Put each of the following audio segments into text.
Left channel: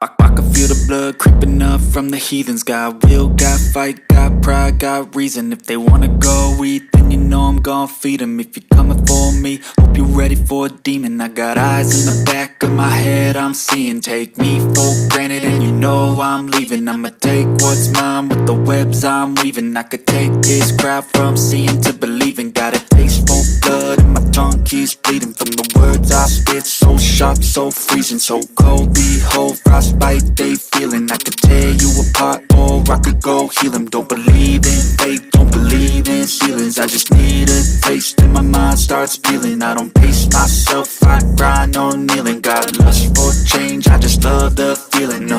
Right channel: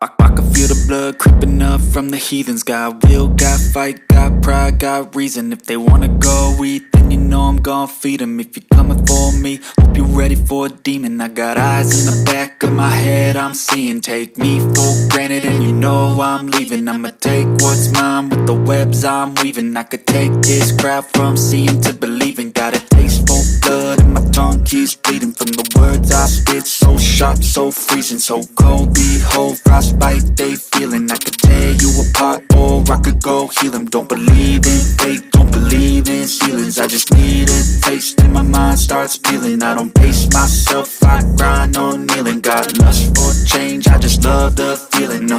I can feel the blood creeping up from the heathens. Got will, got fight, got pride, got reason. If they wanna go eat, then you know I'm gon' feed them. If you're coming for me, hope you're ready for a demon. I got eyes in the back of my head, I'm seeing. Take me for granted and you know I'm leaving. I'ma take what's mine with the webs I'm weaving. I could take this crowd from seeing to believing. Got a taste for blood and my tongue keeps bleeding from the words I spit. So sharp, so freezing, so cold. Behold, frostbite they feeling. I could tear you apart or I could go heal them. Don't believe in fate, don't believe in ceilings. I just need a taste and my mind starts peeling. I don't pace myself, I grind on kneeling. Got lust for change, I just love the feeling.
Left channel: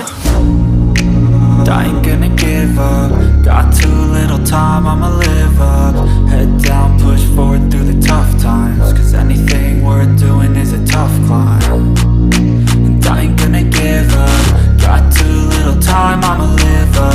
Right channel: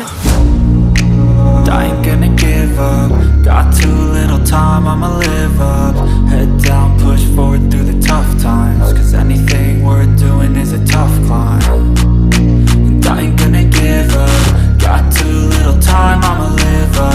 I ain't gonna give up. Got too little time, I'ma live up. Head down, push forward through the tough times. Cause anything worth doing is a tough climb. And I ain't gonna give up. Got too little time, I'ma live up.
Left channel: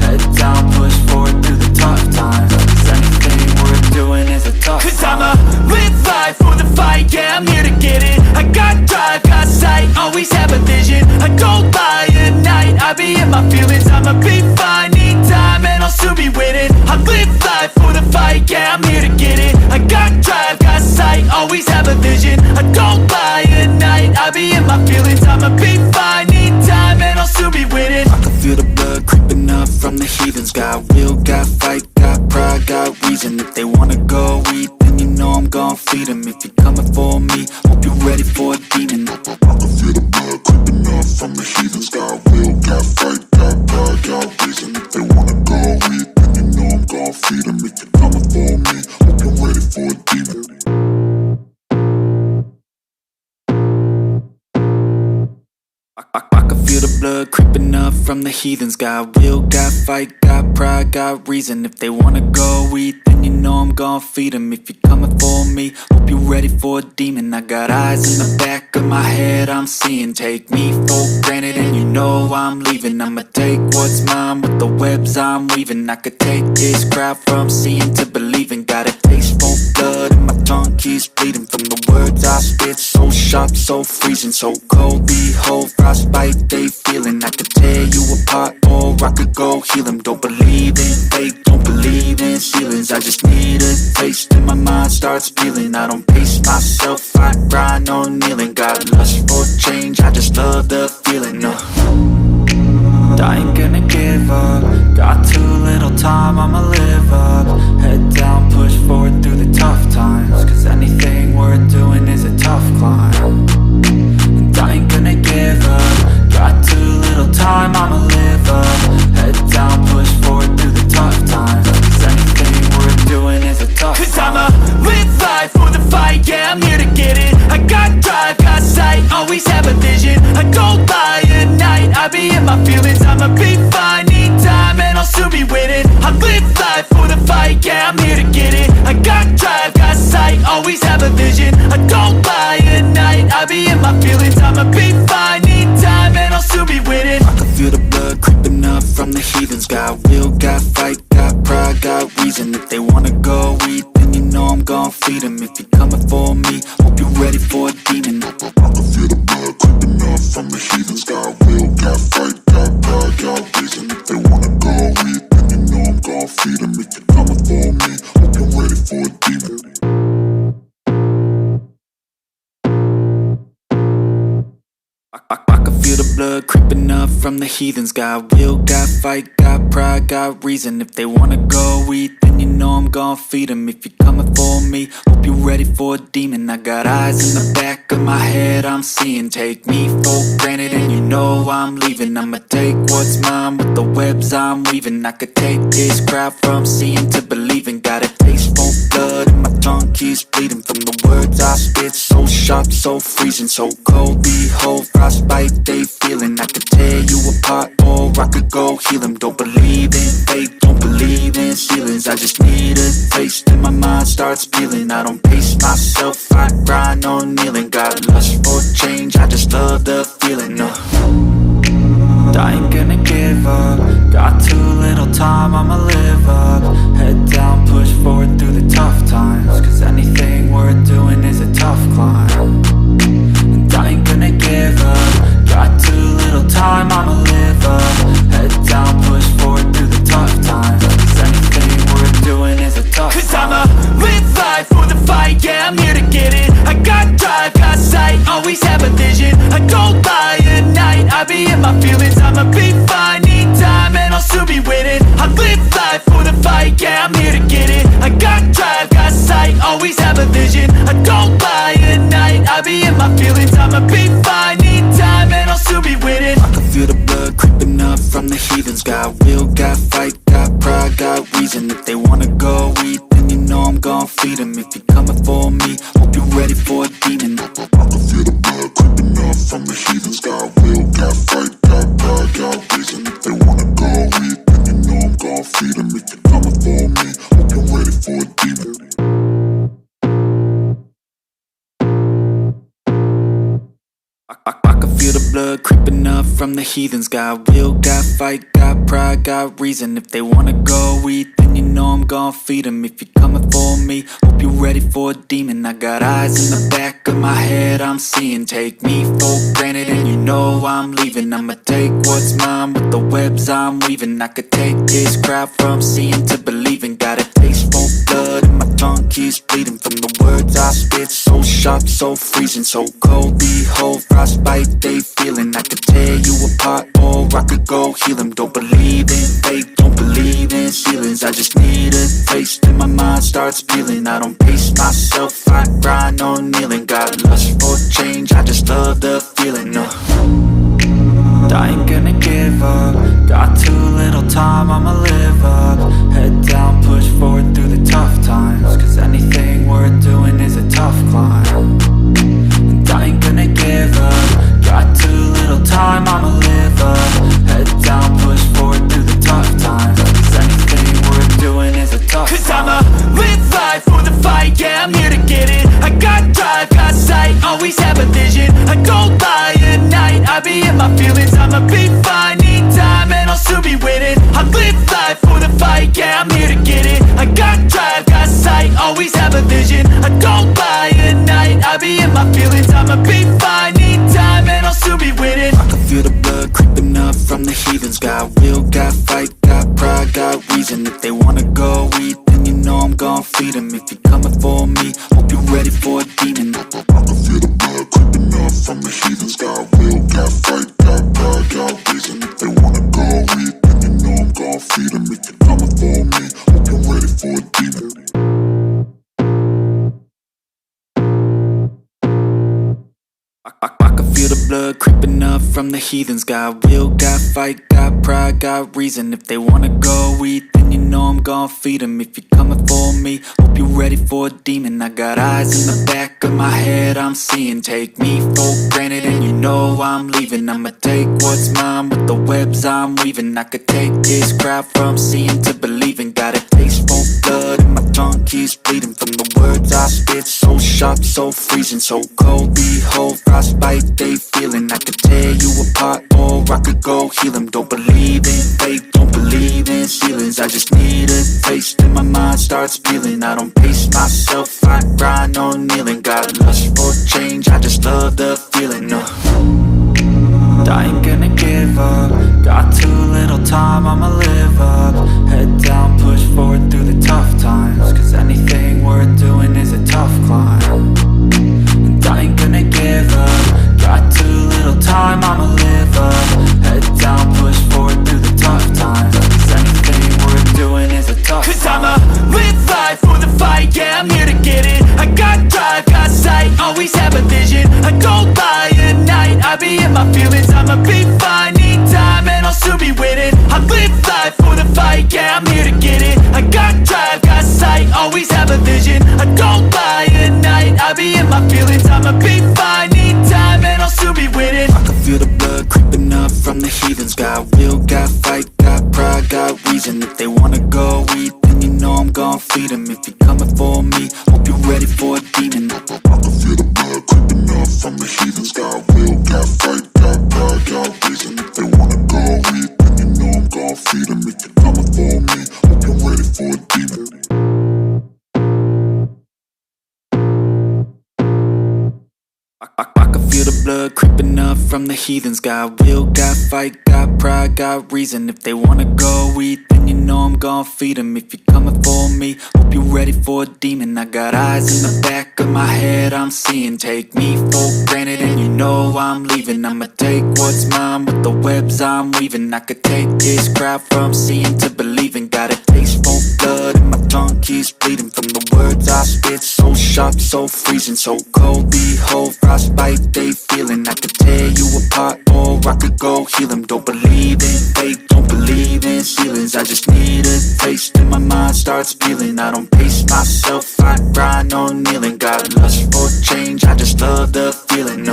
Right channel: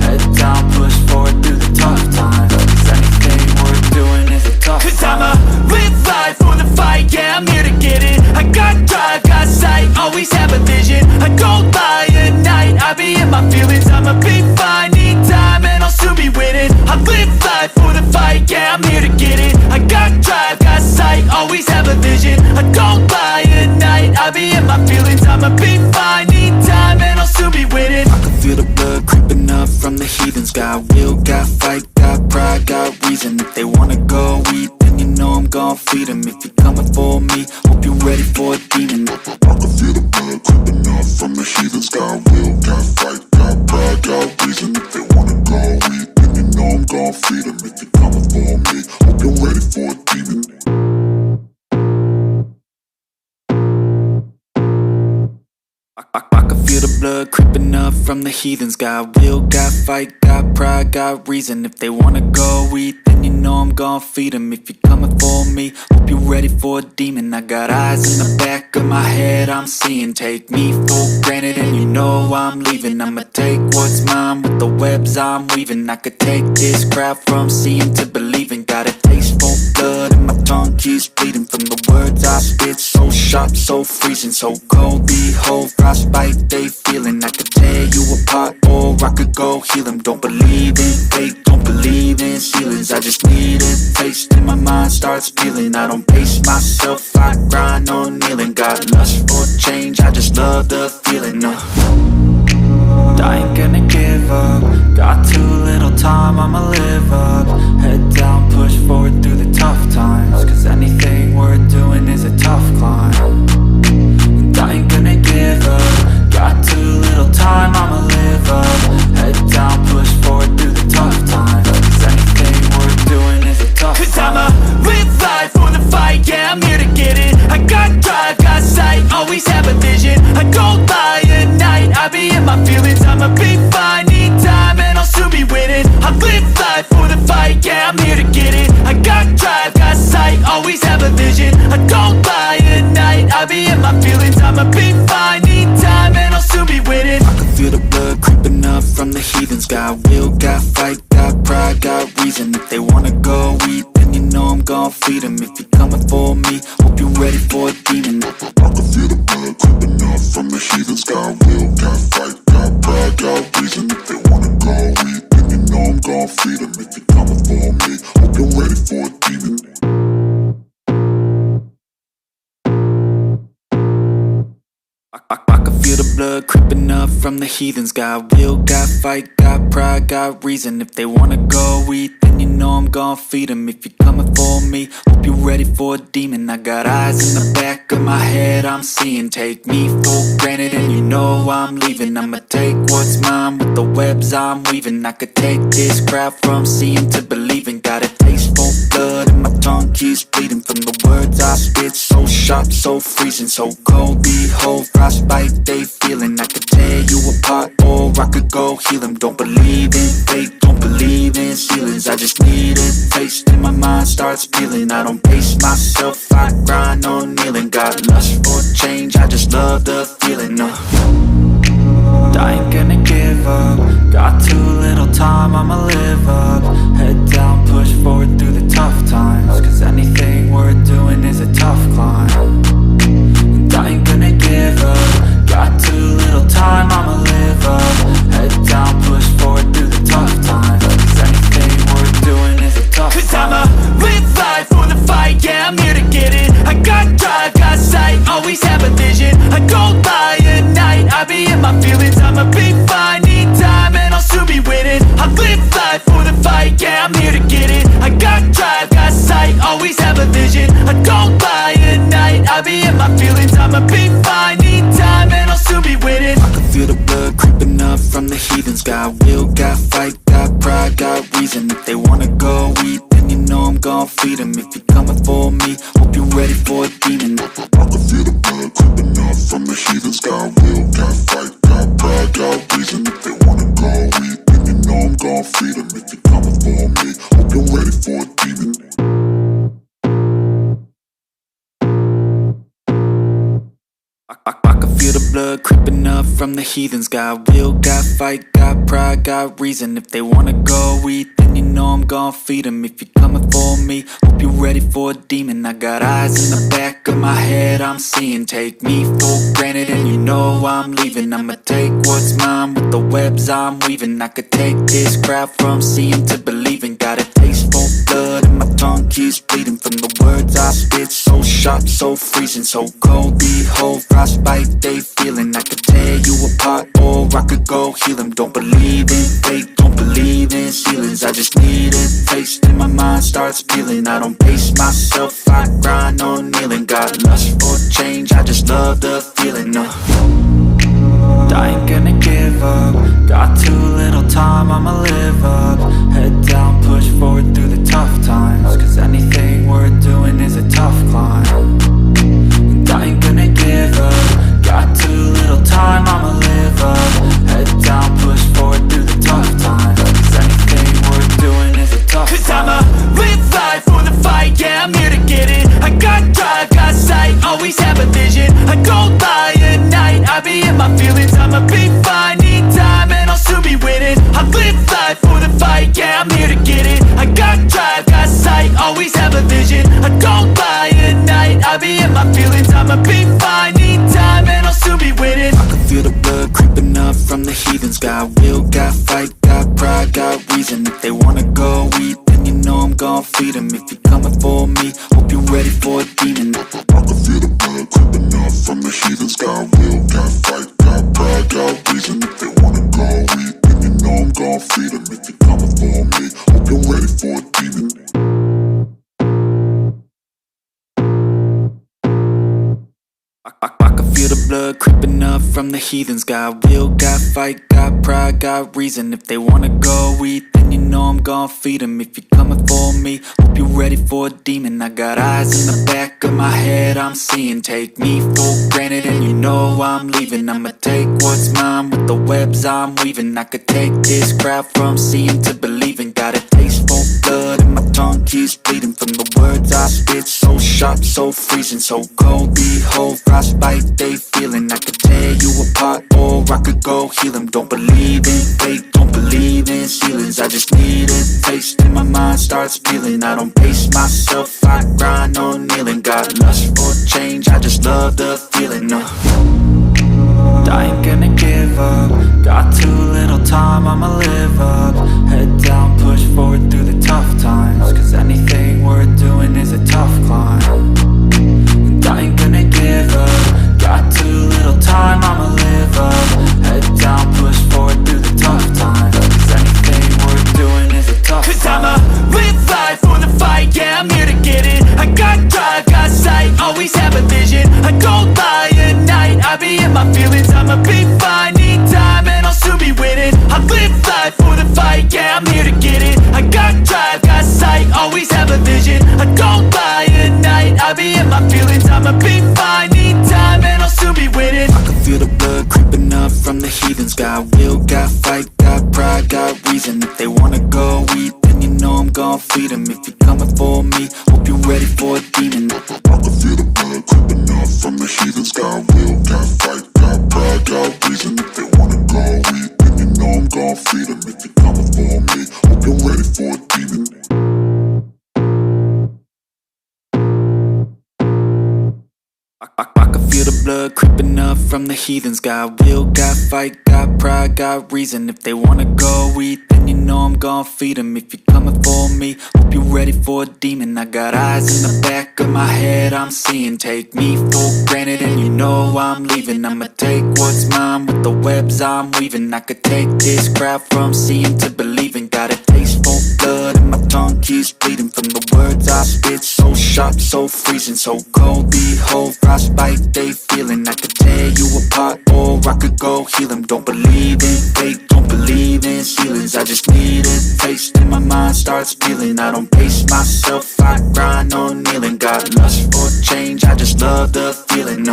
Head down, push forward through the tough times. Cause anything worth doing is a tough climb. Cause I'ma live life for the fight, yeah, I'm here to get it. I got drive, got sight, always have a vision. I don't lie at night, I be in my feelings. I'ma be fine, need time and I'll soon be winning. I live life for the fight, yeah, I'm here to get it. I got drive, got sight, always have a vision. I don't lie at night, I be in my feelings. I'ma be fine, need time and I'll soon be winning. I can feel the blood creeping up from the heathens. Got will, got fight, got pride, got reason. If they wanna go eat, then you know I'm gon' feed them. If you're coming for me, hope you're ready for a demon. I can feel the blood creeping up from the heathens. Got will, got fight, got pride, got reason. If they wanna go eat, then you know I'm gon' feed them. If you're coming for me, hope you're ready for a demon. I can feel the blood creeping up from the heathens. Got will, got fight, got pride, got reason. If they wanna go eat, then you know I'm gon' feed them. If you're coming for me, hope you're ready for a demon. I got eyes in the back of my head, I'm seeing. Take me for granted and you know I'm leaving. I'ma take what's mine with the webs I'm weaving. I could take this crowd from seeing to believing. Got a taste for blood and my tongue keeps bleeding from the words I spit. So sharp, so freezing, so cold. Behold, frostbite they feeling. I could tear you apart or I could go heal them. Don't believe in fate, don't believe in ceilings. I just need a taste and my mind starts peeling. I don't pace myself, I grind on kneeling. Got lust for change, I just love the feeling. I ain't gonna give up. Got too little time, I'ma live up. Head down, push forward through the tough times. Cause anything worth doing is a tough climb. And I ain't gonna give up. Got too little time, I'ma live up. Head down, push forward through the tough times. Cause anything worth doing is a tough climb. Cause I'ma live life for the fight, yeah, I'm here to get it. I got drive, got sight, always have a vision. I don't lie at night, I be in my feelings. I'ma be fine, need time and I'll soon be winning. I live life for the fight, yeah, I'm here to get it. I got drive, got sight, always have a vision. I don't lie at night, I be in my feelings. I'ma be fine, need time and I'll soon be winning. I can feel the blood creeping up from the heathens. Got will, got fight, got pride, got reason. If they wanna go eat, then you know I'm gon' feed them. If you're coming for me, hope you're ready for a demon. I can feel the blood creeping up from the heathens. Got will, got fight, got pride, got reason. If they wanna go eat, then you know I'm gon' feed them. If you're coming for me, hope you're ready for a demon. I can feel the blood creeping up from the heathens. Got will, got fight, got pride, got reason. If they wanna go eat, then you know I'm gon' feed them. If you're coming for me, hope you're ready for a demon. I got eyes in the back of my head, I'm seeing. Take me for granted and you know I'm leaving. I'ma take what's mine with the webs I'm weaving. I could take this crowd from seeing to believing. Got a taste for blood and my tongue keeps bleeding from the words I spit. So sharp, so freezing, so cold. Behold, frostbite they feeling. I could tear you apart or I could go heal them. Don't believe in fate, don't believe in ceilings. I just need a taste and my mind starts peeling. I don't pace myself, I grind on kneeling. Got lust for change, I just love the feeling. I ain't gonna give up. Got too little time, I'ma live up. Head down, push forward through the tough times. Cause anything worth doing is a tough climb. And I ain't gonna give up. Got too little time, yeah, I'm here to get it. I got drive, got sight, always have a vision. I don't lie at night, I be in my feelings. I'ma be fine, need time and I'll soon be winning. I live life for the fight, yeah, I'm here to get it. I got drive, got sight, always have a vision. I don't lie at night, I be in my feelings. I'ma be fine, need time and I'll soon be winning. I can feel the blood creeping up from the heathens. Got will, got fight, got pride, got reason. If they wanna go eat, then you know I'm gon' feed them. If you're coming for me, hope you're ready for a demon. I can feel the blood creeping up from the heathens. Got will, got fight, got pride, got reason. If they wanna go eat, then you know I'm gon' feed them. If you're coming for me, hope you're ready for a demon. I can feel the blood creeping up from the heathens. Got will, got fight, got pride, got reason. If they wanna go eat, then you know I'm gon' feed them. If you're coming for me, hope you're ready for a demon. I got eyes in the back of my head, I'm seeing. Take me for granted and you know I'm leaving. I'ma take what's mine with the webs I'm weaving. I could take this crowd from seeing to believing. Got a taste for blood and my tongue keeps bleeding. From the words I spit, so sharp, so freezing, so cold. Behold, frostbite they feeling. I could tear you apart or I could go heal them. Don't believe in fate, don't believe in ceilings. I just need a taste and my mind starts peeling. I don't pace myself, I grind on kneeling. Got lust for change, I just love the feeling. I ain't gonna give up. Got too little time, I'ma live up. Head down, push forward through the tough times. Cause anything worth doing is a tough climb. And I ain't gonna give up. Got too little time, I'ma live up. Head down, push forward through the tough times. Cause anything worth doing is a tough climb. Cause I'ma live life for the fight, yeah, I'm here to get it. I got drive, got sight, always have a vision. I don't lie at night, I be in my feelings. I'ma be fine, need time and I'll soon be winning. I live life for the fight, yeah, I'm here to get it. I got drive, got sight, always have a vision. I don't lie at night, I be in my feelings. I'ma be fine, need time and I'll soon be winning. I can feel the blood creeping up from the heathens. Got will, got fight, got pride, got reason. If they wanna go eat, then you know I'm gon' feed them. If you're coming for me, hope you're ready for a demon. I can feel the blood creeping up from the heathens. Got will, got fight, got pride, got reason. If they wanna go eat, then you know I'm gon' feed them. If you're coming for me, hope you're ready for a demon. I can feel the blood creeping up from the heathens. Got will, got fight, got pride, got reason. If they wanna go eat, then you know I'm gon' feed them. If you're coming for me, hope you're ready for a demon. I got eyes in the back of my head, I'm seeing. Take me for granted and you know I'm leaving. I'ma take what's mine with the webs I'm weaving. I could take this crowd from seeing to believing. Got a taste for blood and my tongue keeps bleeding. From the words I spit, so sharp, so freezing, so cold. Behold, frostbite they feeling. I could tear you apart or I could go heal them. Don't believe in fate, don't believe in ceilings. I just need a taste and my mind starts peeling. I don't pace myself, I grind on kneeling. Got lust for change, I just love the feeling. I ain't gonna give up. Got too little time, I'ma live up. Head down, push forward through the tough times. Cause anything worth doing is a tough climb. And I ain't gonna give up. Got too little time, I'ma live up. Head down, push forward through the tough times. Cause anything worth doing is a tough climb. Cause I'ma live life for the fight, yeah, I'm here to get it. I got drive, got sight, always have a vision. I don't lie at night, I be in my feelings. I'ma be fine, need time and I'll soon be winning. I live life for the fight, yeah, I'm here to get it. I got drive, got sight, always have a vision. I don't lie at night, I be in my feelings. I'ma be fine, need time and I'll soon be winning. I can feel the blood creeping up from the heathens. Got will, got fight, got pride, got reason. If they wanna go eat, then you know I'm gon' feed them. If you're coming for me, hope you're ready for a demon. I can feel the blood creeping up from the heathens. Got will, got fight, got pride, got reason. If they wanna go eat, then you know I'm gon' feed them. If you're coming for me, hope you're ready for a demon. I can feel the blood creeping up from the heathens. Got will, got fight, got pride, got reason. If they wanna go eat, then then you know I'm gon' feed 'em. If you're coming for me, hope you're ready for a demon. I got eyes in the back of my head, I'm seeing. Take me for granted and you know I'm leaving. I'ma take what's mine with the webs I'm weaving. I could take this crowd from seeing to believing. Got a taste for blood and my tongue keeps bleeding from the words I spit. So sharp, so freezing, so cold. Behold, frostbite they feeling. I could tear you apart or I could go heal 'em. Don't believe in fate, don't believe in ceilings. I just need a taste and my mind starts peeling. I don't pace myself, I grind on kneeling. Got lust for change, I just love the feeling.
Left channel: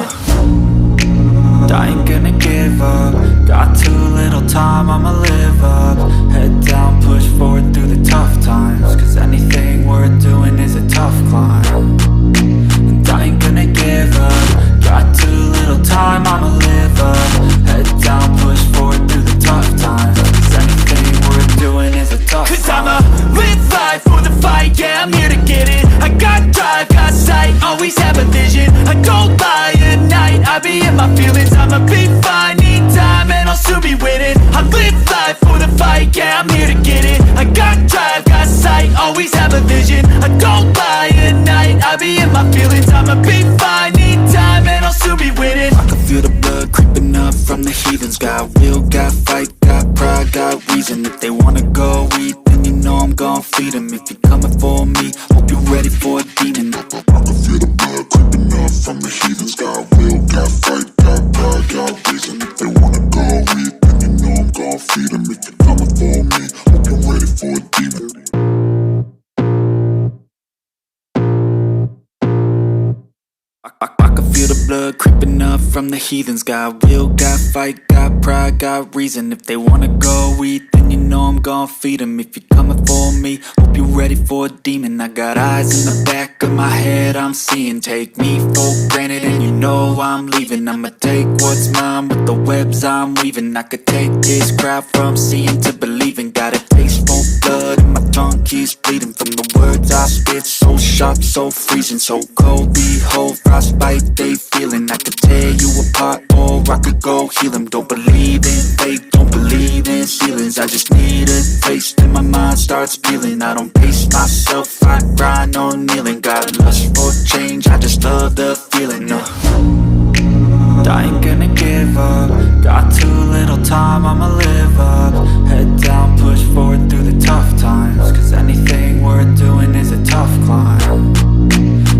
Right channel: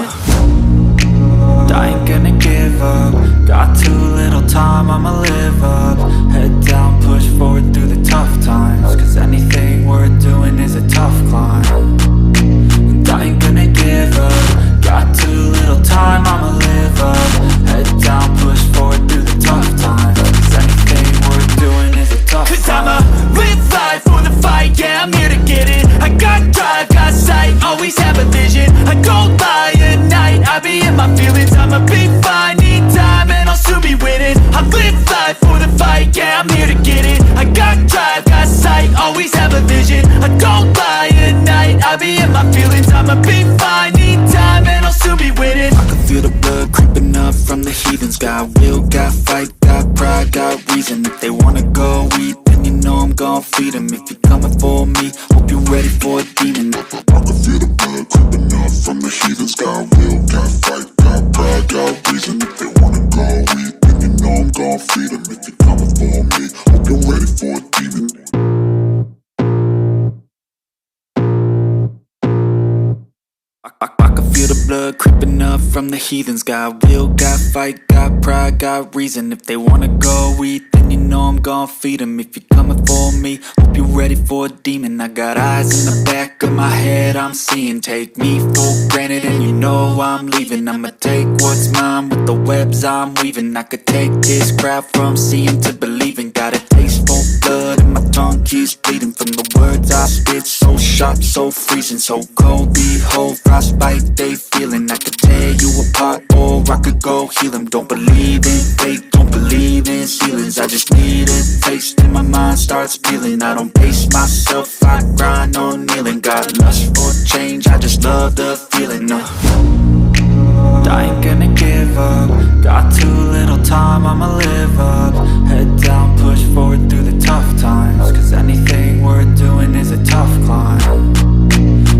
I ain't gonna give up. Got too little time, I'ma live up. Head down, push forward through the tough times. Cause anything worth doing is a tough climb. And I ain't gonna give up. Got too little time, I'ma live up. Head down, push forward through the tough times. Cause anything worth doing is a tough climb. Cause I'ma live life for the fight, yeah, I'm here to get it. I got drive, got sight, always have a vision. I don't lie at night, I be in my feelings. I'ma be fine, need time and I'll soon be winning. I live life for the fight, yeah, I'm here to get it. I got drive, got sight, always have a vision. I don't lie at night, I be in my feelings. I'ma be fine, need time and I'll soon be winning. I can feel the blood creeping up from the heathens. Got will, got fight, got pride, got reason. If they wanna go eat, then you know I'm gon' feed 'em. If you're coming for me, hope you're ready for a demon. I can feel the blood creeping up from the heathens. Got will, got fight, got pride, got reason. If they wanna go eat, then you know I'm gon' feed 'em. If you're coming for me, hope you're ready for a demon. I can feel the blood creeping up from the heathens. Got will, got fight, got pride, got reason. If they wanna go eat, then you know I'm gon' feed 'em. If you're coming for me, hope you're ready for a demon. I got eyes in the back of my head, I'm seeing. Take me for granted and you know I'm leaving. I'ma take what's mine with the webs I'm weaving. I could take this crowd from seeing to believing. Got a taste for blood and my tongue keeps bleeding from the words I spit. So sharp, so freezing, so cold. Behold, frostbite they feeling. I could tear you apart or I could go heal 'em. Don't believe in fate, don't believe in ceilings. I just need a taste and my mind starts peeling. I don't pace myself, I grind on kneeling. Got lust for change, I just love the feeling. I ain't gonna give up. Got too little time, I'ma live up. Head down, push forward through the tough times. Cause anything worth doing is a tough climb.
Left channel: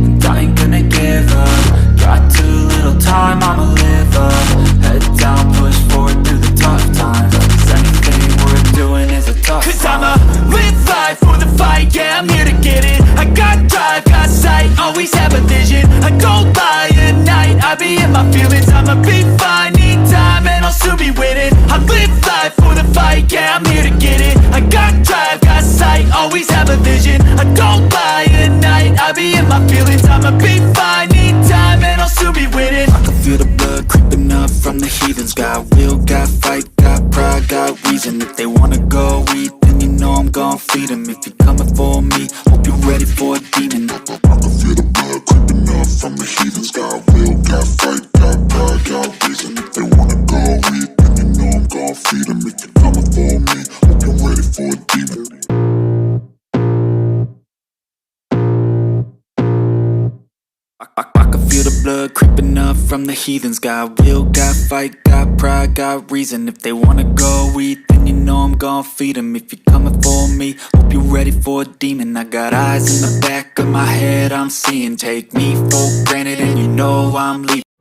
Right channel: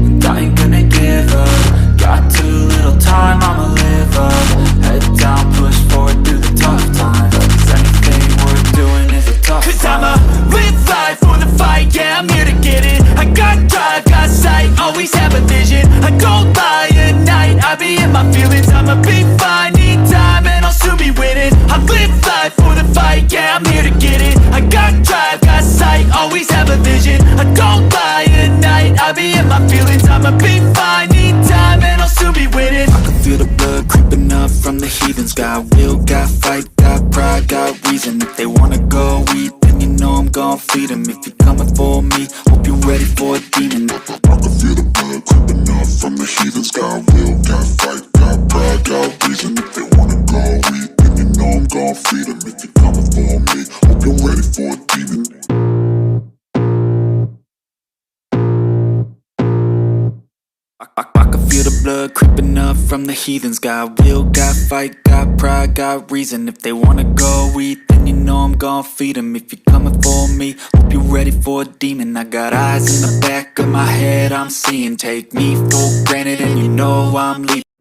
And I ain't gonna give up. Got too little time, I'ma live up. Head down, push forward through the tough times. Cause anything worth doing is a tough climb. Cause I'ma live life for the fight, yeah, I'm here to get it. I got drive, got sight, always have a vision. I don't lie at night, I be in my feelings. I'ma be fine, need time and I'll soon be winning. I live life for the fight, yeah, I'm here to get it. I got drive, got sight, always have a vision. I don't lie at night, I be in my feelings. I'ma be fine, need time and I'll soon be winning. I can feel the blood creeping up from the heathens. Got will, got fight, got pride, got reason. If they wanna go eat, then you know I'm gon' feed 'em. If you're coming for me, hope you're ready for a demon. I can feel the blood creeping up from the heathens. Got will, got fight, got pride, got reason. If they wanna go eat, then you know I'm gon' feed 'em. If you're coming for me, hope you're ready for a demon. I can feel the blood creeping up from the heathens. Got will, got fight, got pride, got reason. If they wanna go eat, then you know I'm gon' feed 'em. If you're coming for me, hope you're ready for a demon. I got eyes in the back of my head, I'm seeing. Take me for granted and you know I'm leaving.